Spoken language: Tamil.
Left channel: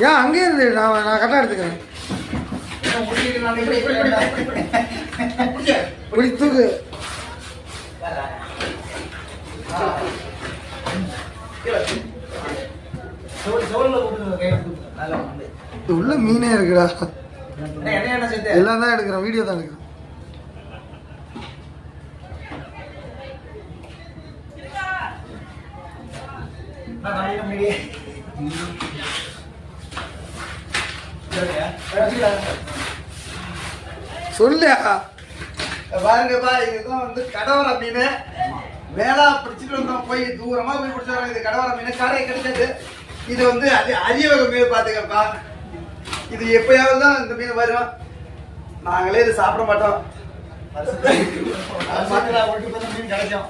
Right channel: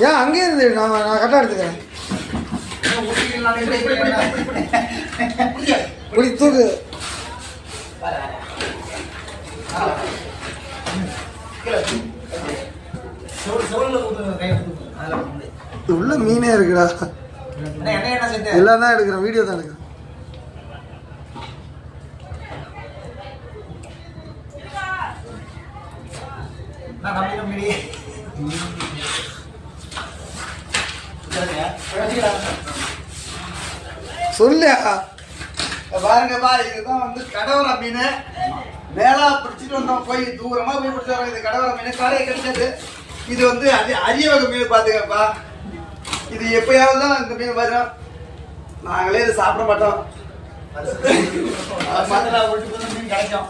ஏன் அங்கே இருந்து நான் நான் கரெக்டாக எடுத்துக்கிறேன். இப்படி தூக்கு. Thank. உள்ள மீனே இருக்குடா. எல்லாம் தான் எடுக்கிறேன் வீடியோ தான் எடுக்கிறேன். சொல்லியா? பாருங்க பாரு இதுதான் வந்து கடவர மீன். வேளா பிடிச்சிட்டு வந்தோம் போய் தூரமா போய் பிடிச்சிட்டு வரோம் இது கடவர மீன் கரை கிடைச்சது இது வந்து அரிய வகை மீன் பாத்துக்கப்பா இது எப்பயாவது தான் இந்த மீன் வரும் நாங்களே இதை சாப்பிட மாட்டோம் மீன் கிடைக்கும்